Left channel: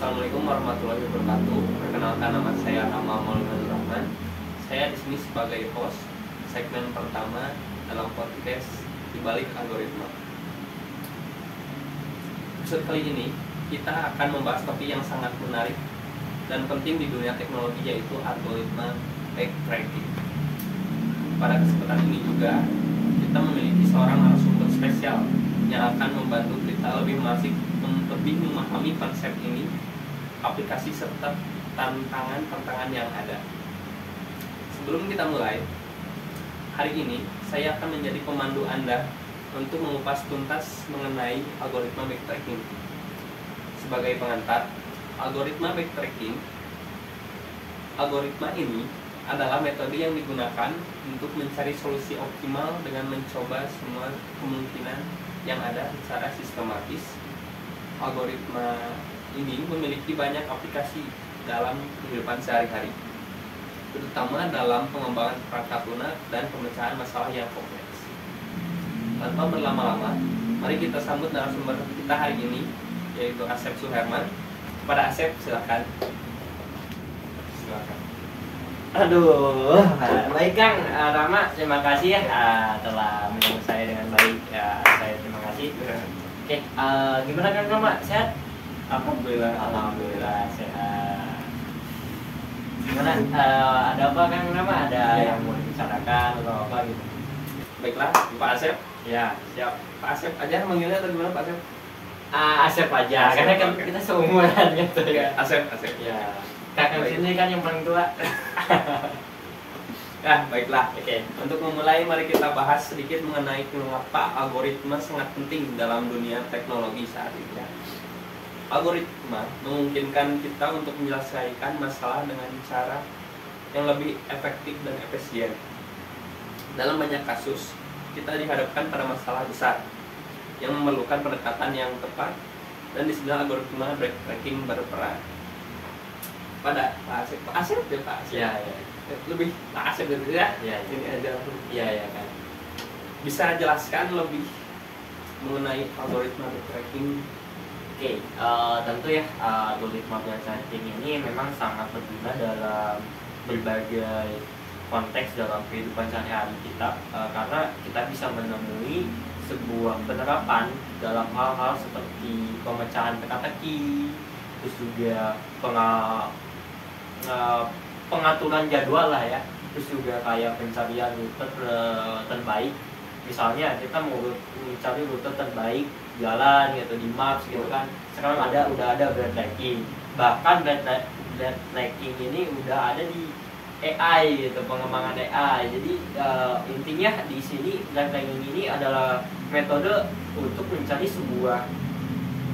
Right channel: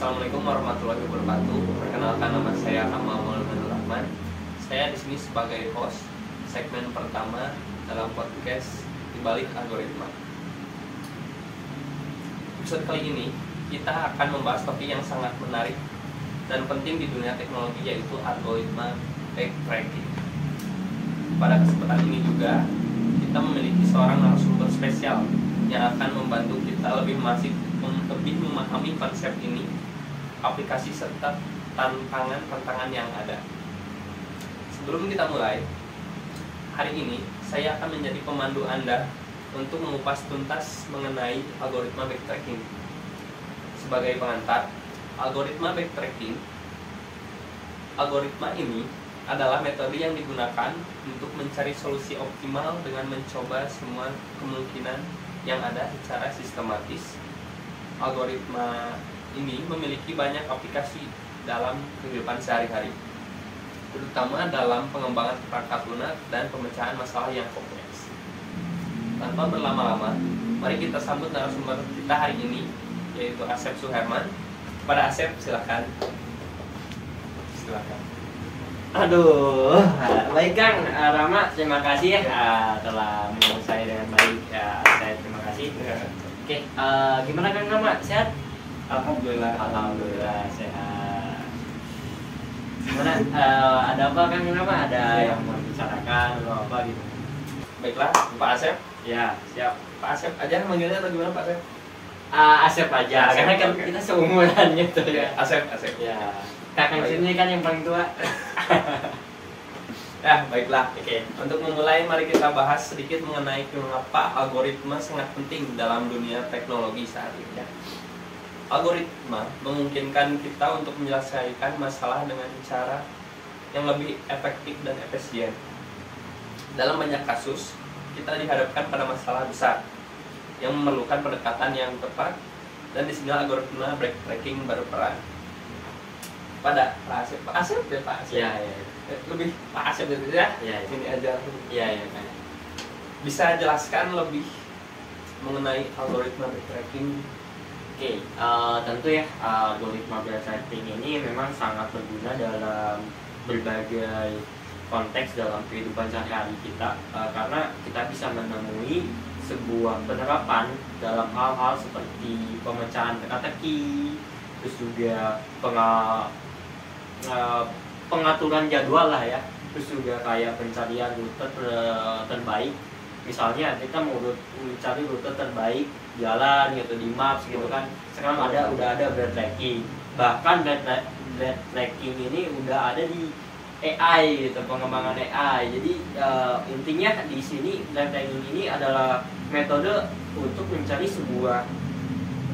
Assalamualaikum warahmatullahi wabarakatuh. Perkenalkan, nama saya Amal Maulana Rahman. Saya di sini sebagai host segmen pertama dalam podcast Di Balik Algoritma. Episode kali ini kita akan membahas topik yang sangat menarik dan penting di dunia teknologi, yaitu algoritma backtracking. Pada kesempatan ini juga kita memiliki seorang narasumber spesial yang akan membantu kita lebih memahami konsep ini, aplikasi serta tantangan yang ada. Sebelum kita mulai, hari ini saya akan menjadi pemandu Anda untuk mengupas tuntas mengenai algoritma backtracking. Sebagai pengantar, algoritma ini adalah metode yang digunakan untuk mencari solusi optimal dengan mencoba semua kemungkinan yang ada secara sistematis. Algoritma ini memiliki banyak aplikasi dalam kehidupan sehari-hari, terutama dalam pengembangan perangkat lunak dan pemecahan masalah yang kompleks. Tanpa berlama-lama, mari kita sambut narasumber kita hari ini, yaitu Asep Suherman. Pada Asep, silakan. Aduh, baik Kang Rama, terima kasih ya telah mengundang saya dengan baik. Ya, saya terima kasih. Oke, gimana Kang Rama? Sehat? Alhamdulillah sehat. Gimana? Ada apa Kang Rama? Ada yang mau dibicarakan atau apa gitu? Baiklah, Pak Asep. Ya, siap. Pak Asep aja manggilnya atau gimana Pak Asep? Asep aja, Asep, karena kan okay. kita seumuran gitu ya. Asep. Ya, kakak sini kan yang paling tua. Ya, baiklah. Oke. Untuk memulai, mari kita bahas sedikit mengenai mengapa algoritma sangat penting dalam dunia teknologi saat ini. Ya. Algoritma memungkinkan kita untuk menyelesaikan masalah dengan cara yang lebih efektif dan efisien. Dalam banyak kasus, kita dihadapkan pada masalah besar yang memerlukan pendekatan yang tepat, dan di sini algoritma backtracking berperan. Pada Pak Asep. Ya. Lebih Pak Asep gitu ya. Ya. Ini aja langsung. Ya kan. Bisa jelaskan lebih mengenai algoritma backtracking? Oke, tentu ya algoritma backtracking ini memang sangat berguna dalam berbagai konteks dalam kehidupan sehari-hari kita, karena kita bisa menemui sebuah penerapan dalam hal-hal seperti pemecahan teka-teki, terus juga pengaturan jadwal lah ya, terus juga kayak pencarian rute terbaik. Misalnya kita mau mencari rute terbaik jalan gitu di Maps gitu kan, sekarang udah ada backtracking. Bahkan backtracking ini udah ada di AI gitu, pengembangan AI. Jadi intinya di sini backtracking ini adalah metode untuk mencari sebuah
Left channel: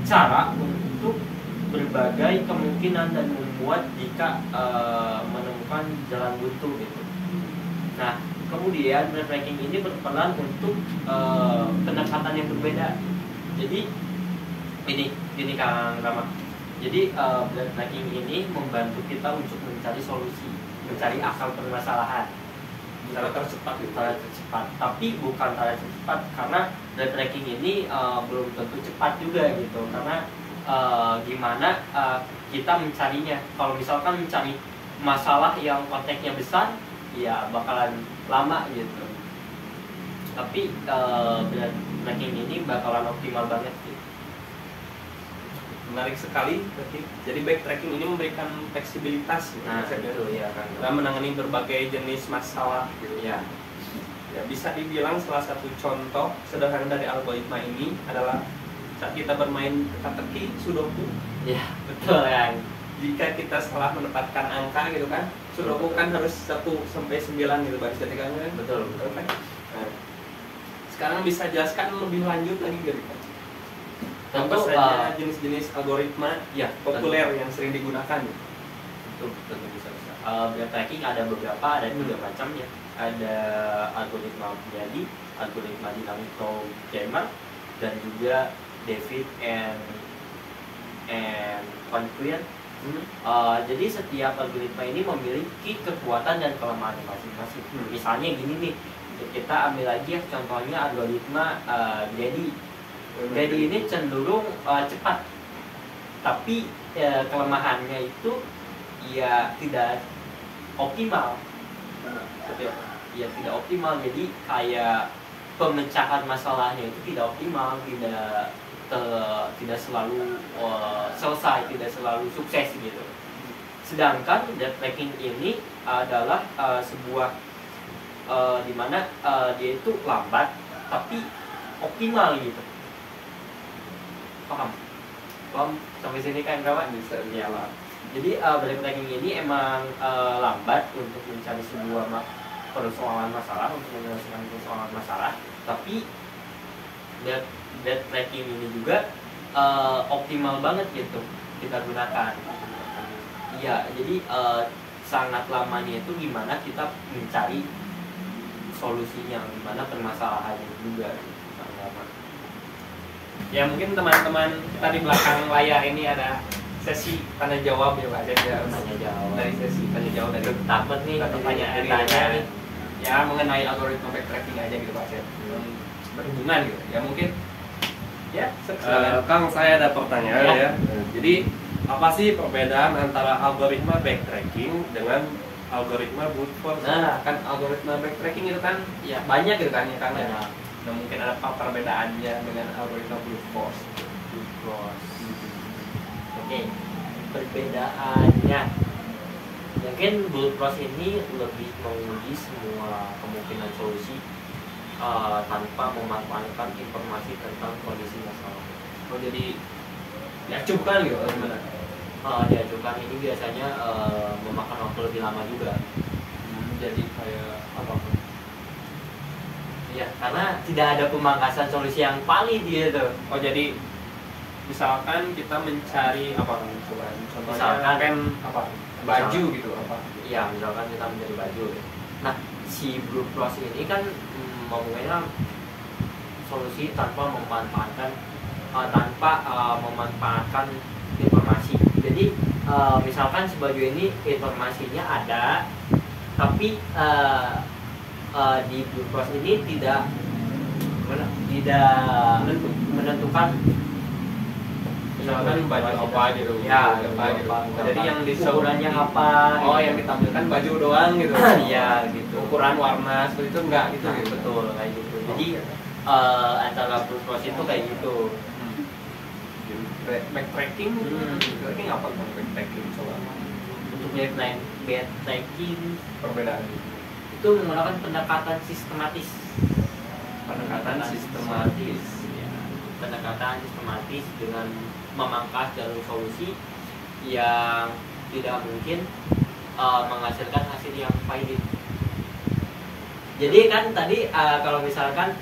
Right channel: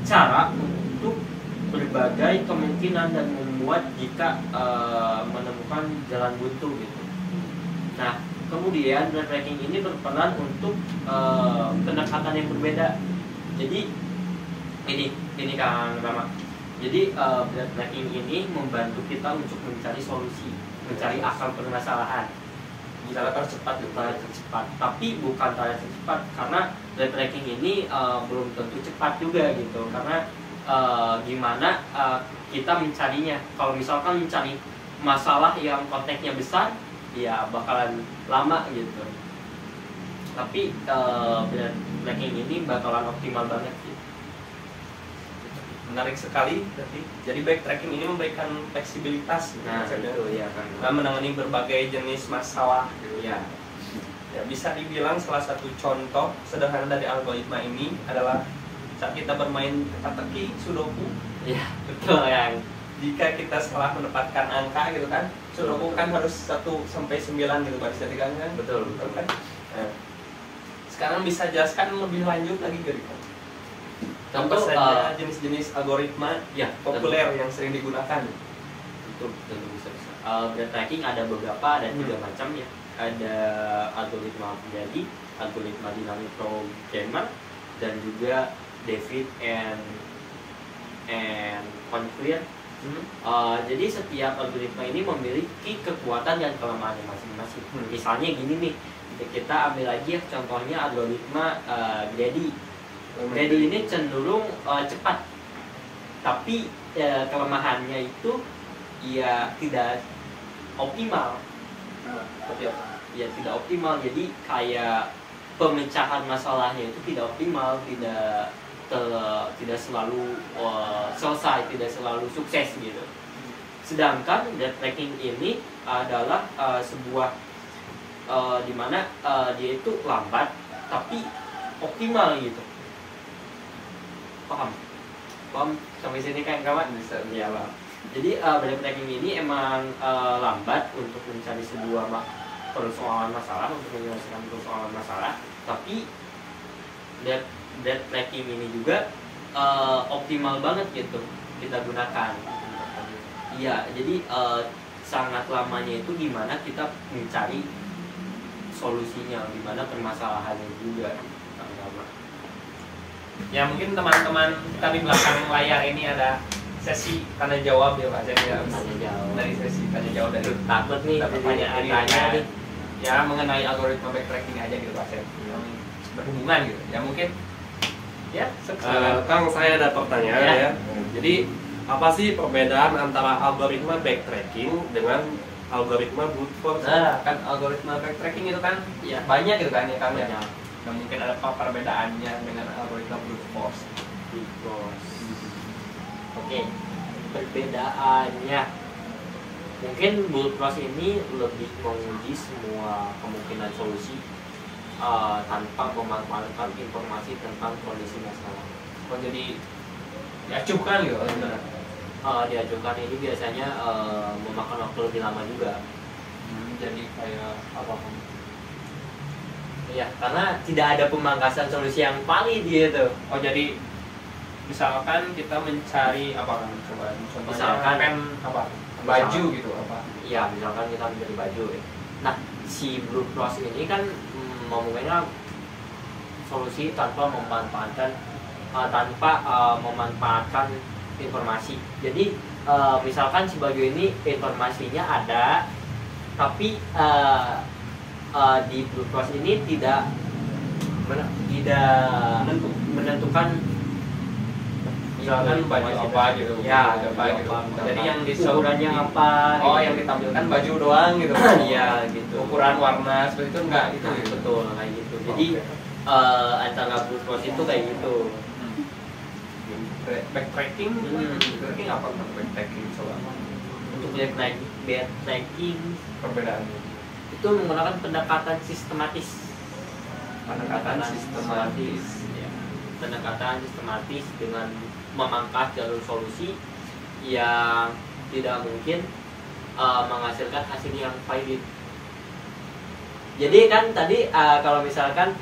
cara untuk berbagai kemungkinan dan memuat jika menemukan jalan buntu gitu. Nah, kemudian backtracking ini berperan untuk pendekatan yang berbeda. Jadi ini Kang Rama. Jadi backtracking ini membantu kita untuk mencari solusi, mencari akal permasalahan. Cara tercepat gitu. Cara tercepat, tapi bukan cara tercepat, karena backtracking ini belum tentu cepat juga gitu. Karena gimana kita mencarinya. Kalau misalkan mencari masalah yang konteksnya besar, ya bakalan lama gitu. Tapi backtracking ini bakalan optimal banget gitu. Menarik sekali berarti. Jadi backtracking ini memberikan fleksibilitas Itu ya kan. dalam menangani berbagai jenis masalah gitu. Ya. Ya, bisa dibilang salah satu contoh sederhana dari algoritma ini adalah saat kita bermain teka-teki, sudoku. Ya, betul yang. Jika kita salah menempatkan angka gitu kan, sudoku kan harus 1 sampai 9 gitu baris ketika kan. Betul kan. Nah, sekarang bisa jelaskan lebih lanjut lagi gitu kan. Apa saja jenis-jenis algoritma ya populer yang sering digunakan? Tentu bisa. Backtracking ada beberapa, ada 3 macam ya. Ada algoritma Abjadi, algoritma dynamic programmer, dan juga David and Conquer. Jadi setiap algoritma ini memiliki kekuatan dan kelemahannya masing-masing. Misalnya gini nih, kita ambil lagi ya contohnya algoritma Abjadi. Jadi ini cenderung cepat, tapi kelemahannya itu ya tidak optimal. Seperti apa? Ya tidak optimal, jadi kayak pemecahan masalahnya itu tidak optimal, tidak selalu selesai, tidak selalu sukses gitu. Sedangkan debt tracking ini adalah sebuah dimana dia itu lambat tapi optimal gitu. Paham sampai sini kan kawan? Bisa Ya lah. Jadi debt tracking ini emang lambat untuk mencari sebuah persoalan masalah, untuk menyelesaikan persoalan masalah, tapi debt tracking ini juga optimal banget gitu kita gunakan. Iya, jadi sangat lamanya itu dimana kita mencari solusinya, dimana permasalahannya juga. Ya mungkin teman-teman kita di belakang layar ini ada sesi tanya jawab ya Pak Cep ya. Tanya jawab. Dari sesi tanya jawab dari Takut nih pertanyaan nih. Ya mengenai algoritma backtracking aja gitu Pak Cep. Berhubungan gitu. Ya mungkin ya Kang, saya ada pertanyaan ya. Jadi apa sih perbedaan antara algoritma backtracking dengan algoritma brute force? Nah, kan algoritma backtracking itu kan ya banyak gitu kan ya Kang ya. Banyak. Nah, mungkin ada apa perbedaannya dengan algoritma brute force? Oke, perbedaannya mungkin brute force ini lebih menguji semua kemungkinan solusi tanpa memanfaatkan informasi tentang kondisi masalah. Oh, jadi diacuhkan gitu sebenarnya. Diajukan ini biasanya memakan waktu lebih lama juga. Jadi kayak apa kan? Iya, karena tidak ada pemangkasan solusi yang valid gitu. Oh, jadi misalkan kita mencari apa kan? Coba contohnya Misalkan pen apa? Baju gitu apa? Iya, misalkan kita mencari baju ya. Nah, si brute force ini kan memungkinkan solusi tanpa memanfaatkan informasi. Jadi misalkan sebagai ini informasinya ada, tapi di brute force ini tidak menentukan Misalkan baju apa gitu. Ya, apa gitu. Jadi yang ukurannya apa? Oh, yang ditampilkan baju doang gitu. Iya, gitu. Ukuran warna seperti itu enggak gitu. Nah, betul kayak gitu. Jadi antara brute force itu kayak gitu. Backtracking, backtracking apa tuh backtracking coba? Untuk backtracking Perbedaan itu menggunakan pendekatan sistematis. pendekatan sistematis. Ya. Pendekatan sistematis dengan memangkas jalur solusi yang tidak mungkin menghasilkan hasil yang valid. Jadi kan tadi kalau misalkan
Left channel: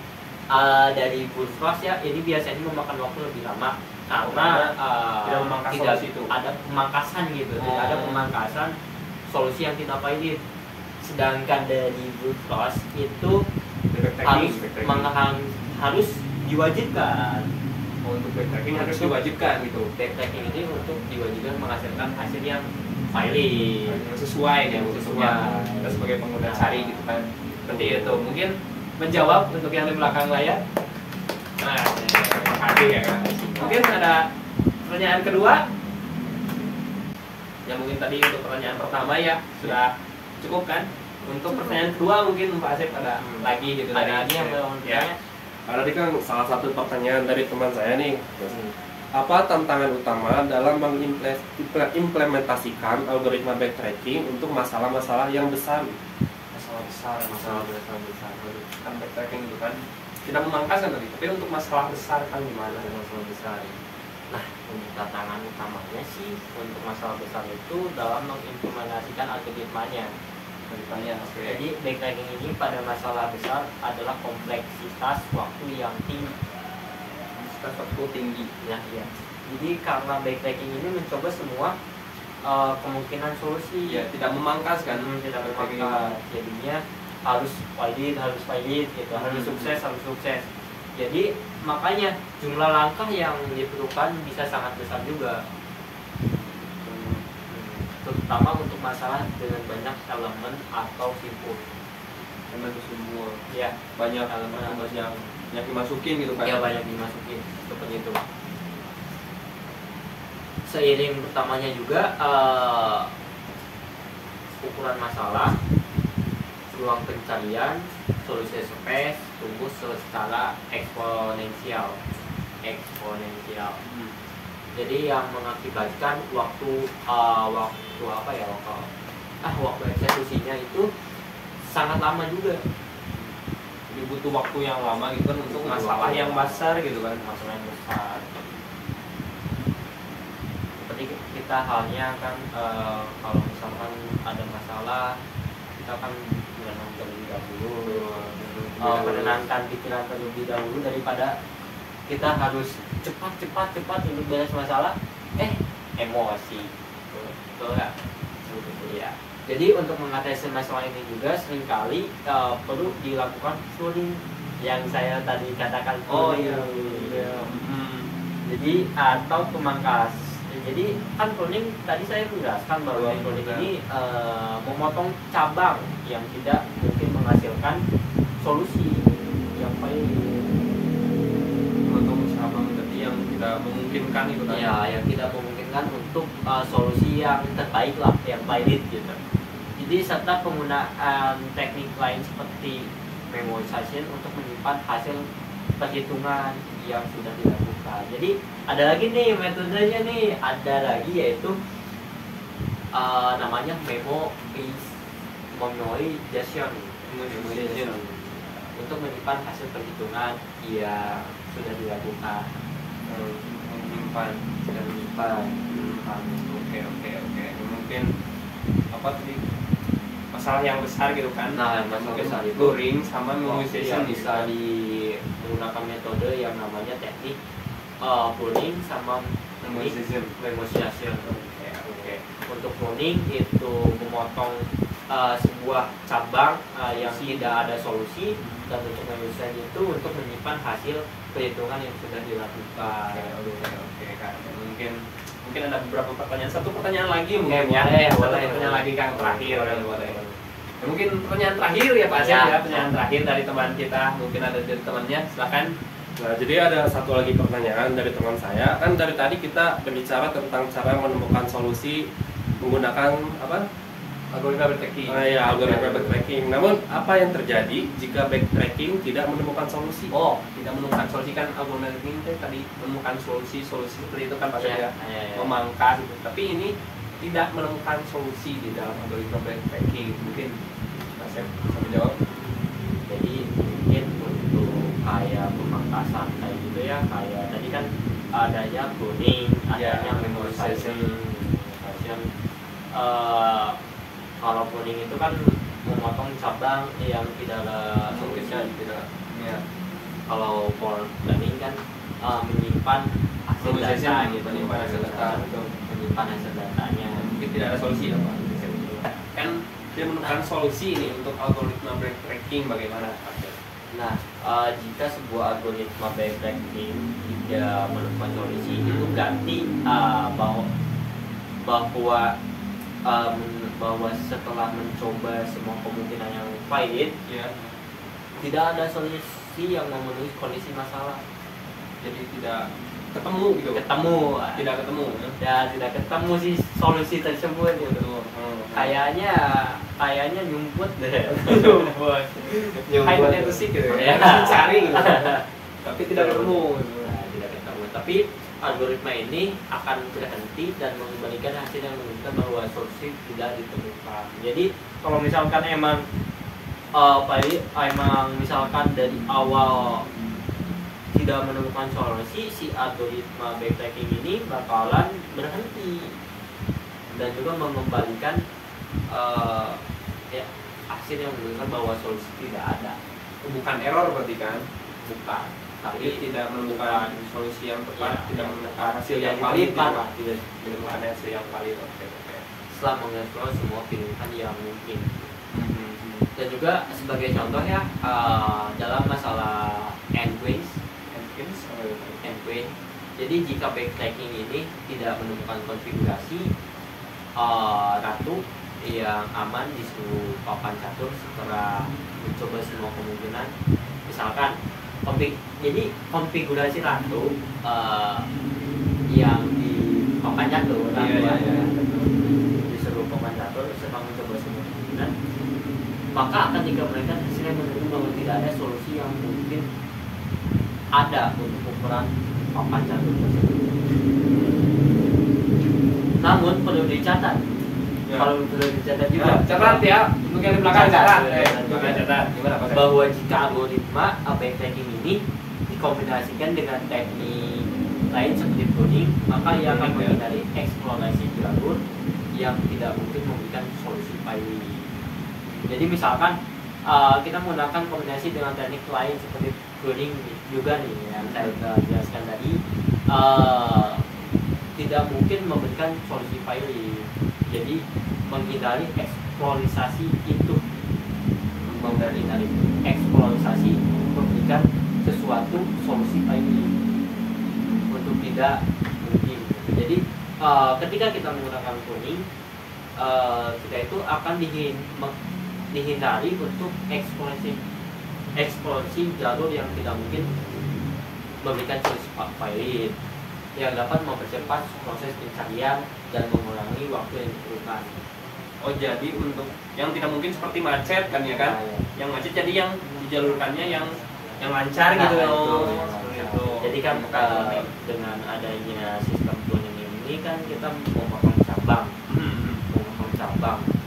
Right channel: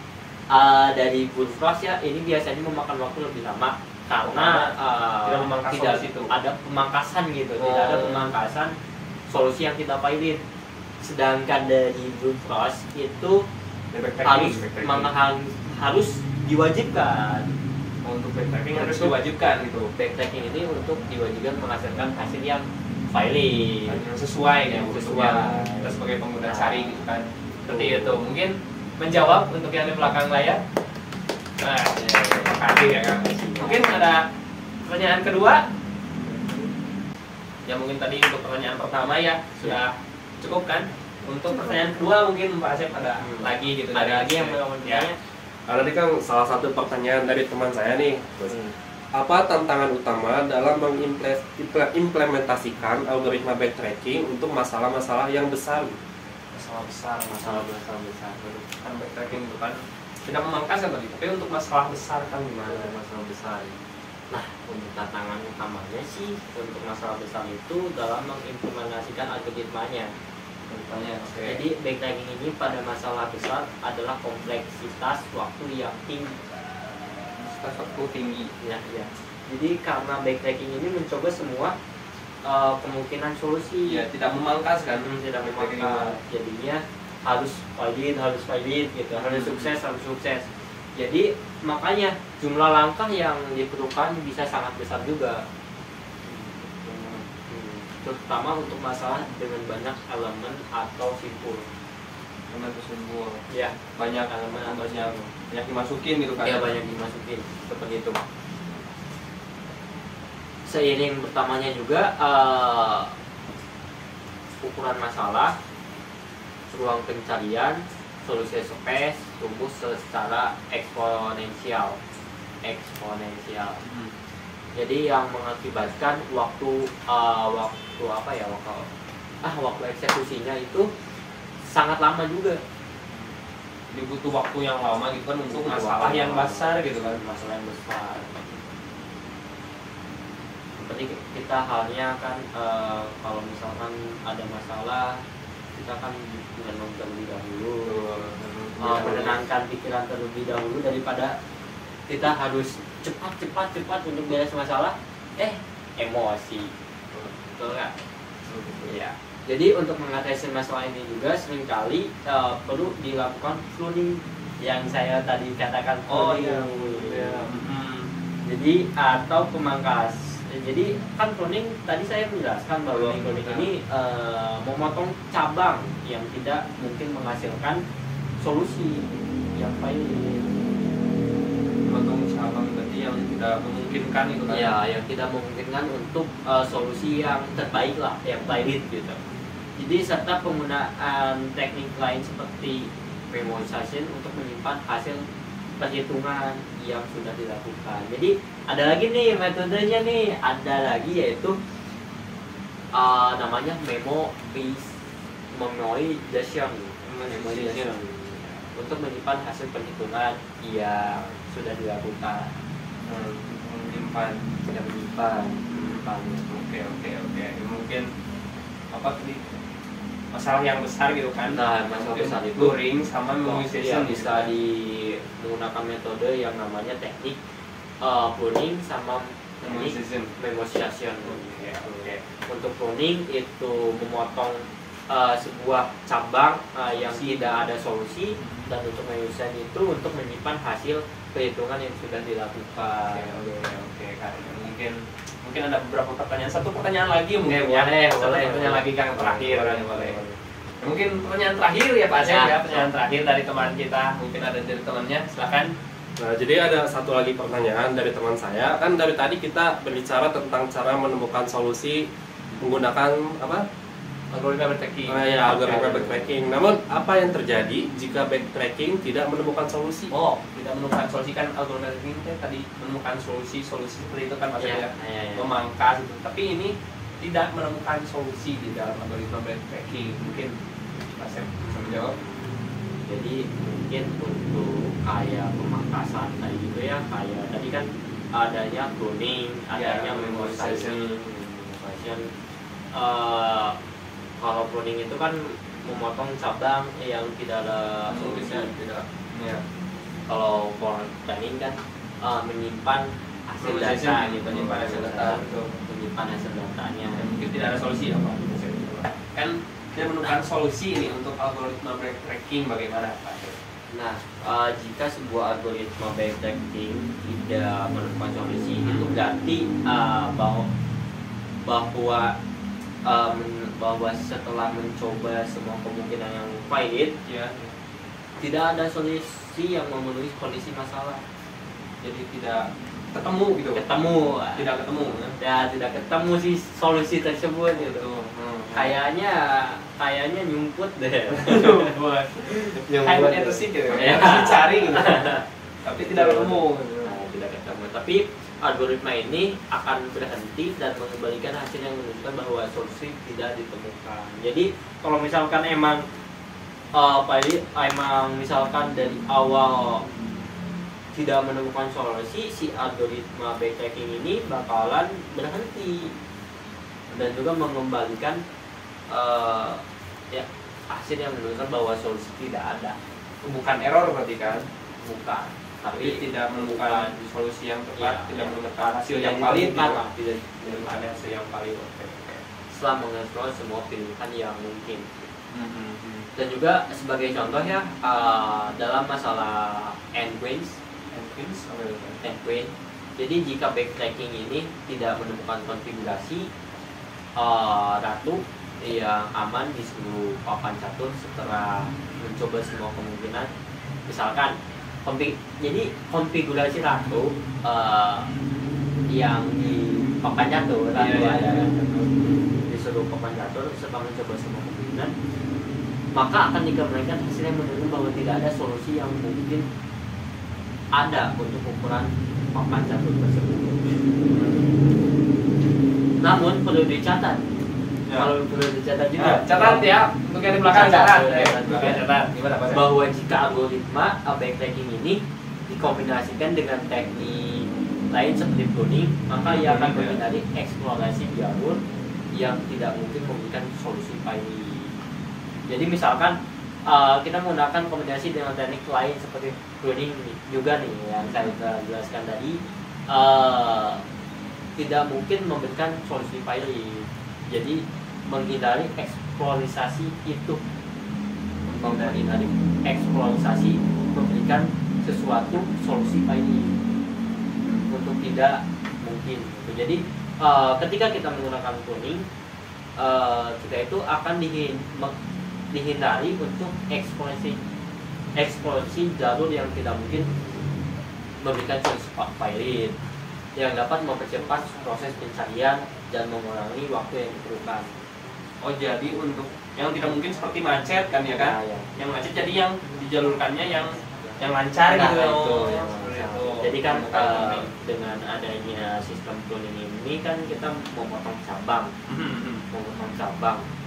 dari brute force ya, ini biasanya memakan waktu lebih lama karena tidak ada pemangkasan gitu, tidak ada pemangkasan solusi yang tidak valid. Sedangkan dari brute force itu harus diwajibkan. Untuk backtracking harus diwajibkan gitu. Backtracking ini untuk diwajibkan menghasilkan hasil yang valid, Yang sesuai kan, sesuai. Kita sebagai pengguna cari gitu kan. Seperti itu. Mungkin menjawab untuk yang di belakang layar. Nah, terima kasih ya Kang. Mungkin ada pertanyaan kedua. Ya mungkin tadi untuk pertanyaan pertama ya sudah cukup kan. Untuk pertanyaan kedua mungkin Pak Asep ada lagi gitu. Ada lagi yang belum ya. bertanya? Tadi kan salah satu pertanyaan dari teman saya nih. Apa tantangan utama dalam mengimplementasikan algoritma backtracking untuk masalah-masalah yang besar? Masalah besar. Kan backtracking itu kan tidak memangkas kan tadi, tapi untuk masalah besar kan gimana? Masalah besar. Nah, untuk tantangan utamanya sih untuk masalah besar itu dalam mengimplementasikan algoritmanya. Jadi backtracking ini pada masalah besar adalah kompleksitas waktu yang tinggi. Ya. Jadi karena backtracking ini mencoba semua kemungkinan solusi. Ya, tidak memangkas kan? Tidak memangkas. Jadinya harus valid gitu, harus sukses. Jadi makanya jumlah langkah yang diperlukan bisa sangat besar juga. Terutama untuk masalah dengan banyak elemen atau simpul. Ya, banyak elemen atau yang dimasukin gitu kan? Ya, banyak dimasukin seperti itu. seiring bertambahnya juga ukuran masalah, ruang pencarian, solusi space tumbuh secara eksponensial. Jadi yang mengakibatkan waktu eksekusinya itu sangat lama juga. Jadi butuh waktu yang lama gitu kan untuk masalah yang besar gitu kan. Masalah yang besar. Seperti kita halnya kan kalau misalkan ada masalah, kita kan menenang terlebih dahulu, menenangkan pikiran terlebih dahulu daripada kita harus cepat untuk beres masalah. Emosi, betul nggak? Ya. Jadi untuk mengatasi masalah ini juga seringkali perlu dilakukan pruning yang saya tadi katakan. Jadi atau pemangkas. Jadi kan pruning tadi saya menjelaskan bahwa pruning ini memotong cabang yang tidak mungkin menghasilkan solusi yang baik. Memotong cabang berarti yang tidak memungkinkan itu kan. Ya, yang tidak memungkinkan untuk solusi yang terbaik lah, yang valid gitu. Jadi serta penggunaan teknik lain seperti memorization untuk menyimpan hasil perhitungan yang sudah dilakukan. Jadi ada lagi nih metodenya nih, ada lagi yaitu namanya memorization untuk menyimpan hasil perhitungan yang sudah dilakukan. Menyimpan. Oke. Mungkin apa tadi masalah yang besar gitu kan. Nah, masalah besar itu luring sama memorization bisa menggunakan metode yang namanya teknik pruning sama memorization. Oke. Untuk pruning itu memotong sebuah cabang yang tidak ada solusi, dan untuk memorization itu untuk menyimpan hasil perhitungan yang sudah dilakukan. Oke. Mungkin ada beberapa pertanyaan. Satu pertanyaan lagi mungkin ya. Boleh. Pertanyaan lagi Kang terakhir kan boleh. Mungkin pertanyaan terakhir ya Pak Asep ya. Pertanyaan terakhir dari teman kita. Mungkin ada dari temannya. Silakan. Nah, jadi ada satu lagi pertanyaan dari teman saya. Kan dari tadi kita berbicara tentang cara menemukan solusi menggunakan apa? Algoritma backtracking. Algoritma backtracking. Namun apa yang terjadi jika backtracking tidak menemukan solusi? Tidak menemukan solusi kan algoritma backtracking tadi menemukan solusi seperti itu kan Pak Asep ya. Memangkas itu. Tapi ini tidak menemukan solusi di dalam algoritma backtracking. Mungkin Pak Asep bisa menjawab. Jadi mungkin untuk kayak pemangkasan tadi gitu ya, kayak tadi kan adanya pruning, adanya memorization. Kalau pruning itu kan memotong cabang yang tidak ada solusi. Ya. Kalau planning kan menyimpan hasil data gitu, menyimpan hasil datanya. Mungkin tidak ada solusi apa? Kan dia menemukan solusi ini untuk algoritma backtracking bagaimana Pak? Nah, jika sebuah algoritma backtracking tidak menemukan solusi, itu berarti bahwa setelah mencoba semua kemungkinan yang valid, ya, tidak ada solusi yang memenuhi kondisi masalah. Jadi tidak ketemu gitu. Tidak ketemu. Ya, tidak ketemu sih solusi tersebut gitu. Kayaknya nyumput deh. Kayaknya itu sih gitu. Ya, cari gitu. Tapi tidak ketemu. Tidak ketemu. Tapi algoritma ini akan berhenti dan mengembalikan hasil yang menunjukkan bahwa solusi tidak ditemukan. Jadi kalau misalkan emang misalkan dari awal tidak menemukan solusi, si algoritma backtracking ini bakalan berhenti dan juga mengembalikan hasil yang menunjukkan bahwa solusi tidak ada. Bukan error berarti kan? Bukan. Tapi tidak menemukan solusi yang tepat, tidak menemukan hasil yang valid, tidak menemukan hasil yang valid. Setelah mengeksplor semua pilihan yang mungkin. Dan juga sebagai contoh ya, dalam masalah endpoint. Jadi jika backtracking ini tidak menemukan konfigurasi ratu yang aman di seluruh papan catur setelah mencoba semua kemungkinan, misalkan jadi konfigurasi ratu yang papan jatuh Iya, iya. ada kan disuruh papan jatuh serta mencoba semua kemungkinan, maka akan dikembalikan hasilnya menunjukkan bahwa tidak ada solusi yang mungkin ada untuk ukuran papan jatuh tersebut. Namun perlu dicatat, Ya. kalau perlu dicatat juga, Nah, catat ya untuk yang di belakang catat. Catat. Catat. Gimana Pak Sep? bahwa jika algoritma backtracking ini dikombinasikan dengan teknik lain seperti pruning, maka ia akan menghindari eksplorasi jalur yang tidak mungkin memberikan solusi pasti. Jadi misalkan kita menggunakan kombinasi dengan teknik lain seperti pruning juga nih yang saya telah jelaskan tadi, tidak mungkin memberikan solusi pasti. Jadi menghindari eksplorasi itu, menghindari eksplorasi memberikan sesuatu solusi pasti untuk tidak mungkin. Jadi ketika kita menggunakan pruning, kita itu akan dihindari untuk eksplorasi jalur yang tidak mungkin memberikan solusi pahit yang dapat mempercepat proses pencarian dan mengurangi waktu yang diperlukan. Oh jadi untuk yang tidak mungkin seperti macet kan ya kan? Nah, ya. Yang macet jadi yang dijalurkannya yang lancar Nah, gitu. itu Oh, yang seperti lancar. itu. Jadi kan dengan adanya sistem pruning ini kan kita memotong cabang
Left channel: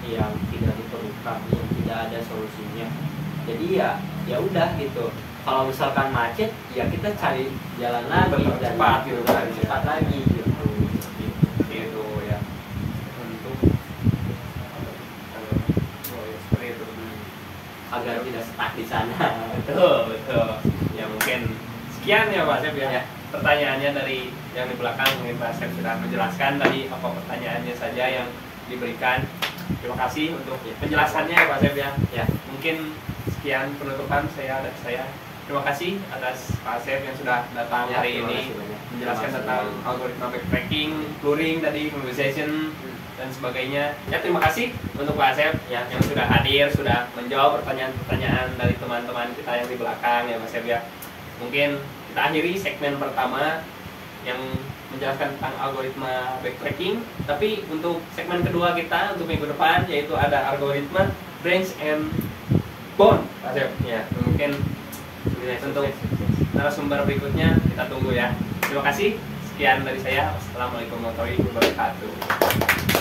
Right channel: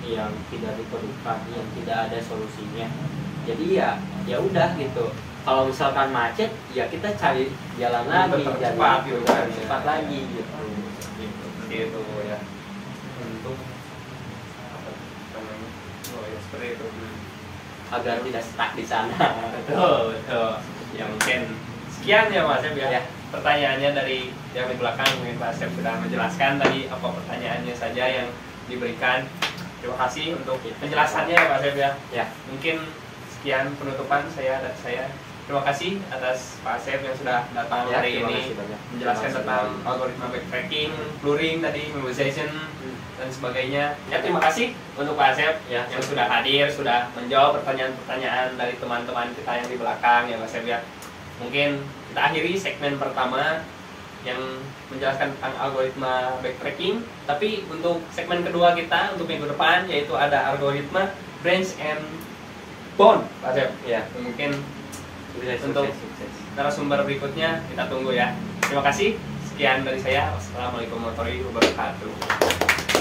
yang tidak diperlukan, yang tidak ada solusinya. Jadi ya udah gitu. Kalau misalkan macet, ya kita cari jalan lagi, Cepat gitu kan, cepat ya. lagi gitu. Gitu ya. Untuk seperti itu. Agar tidak stuck di sana. Betul, betul. Ya mungkin sekian ya Pak Sep ya. Ya. Pertanyaannya dari yang di belakang mungkin Pak Sep sudah menjelaskan tadi apa pertanyaannya saja yang diberikan. Terima kasih untuk penjelasannya ya Pak Sep ya. Ya. Mungkin sekian penutupan saya dari saya. Terima kasih atas Pak Asep yang sudah datang Ya, hari terima ini kasih banyak. menjelaskan Terima kasih tentang banyak. algoritma backtracking, blurring tadi, memoization dan sebagainya. Ya terima kasih untuk Pak Asep Ya. yang sudah hadir, sudah menjawab pertanyaan-pertanyaan dari teman-teman kita yang di belakang ya Pak Asep ya. Mungkin kita akhiri segmen pertama yang menjelaskan tentang algoritma backtracking. Tapi untuk segmen kedua kita untuk minggu depan yaitu ada algoritma branch and bond Pak Asep. Ya. Mungkin untuk Sukses. narasumber berikutnya kita tunggu ya. Terima kasih. Sekian dari saya. Wassalamualaikum warahmatullahi wabarakatuh.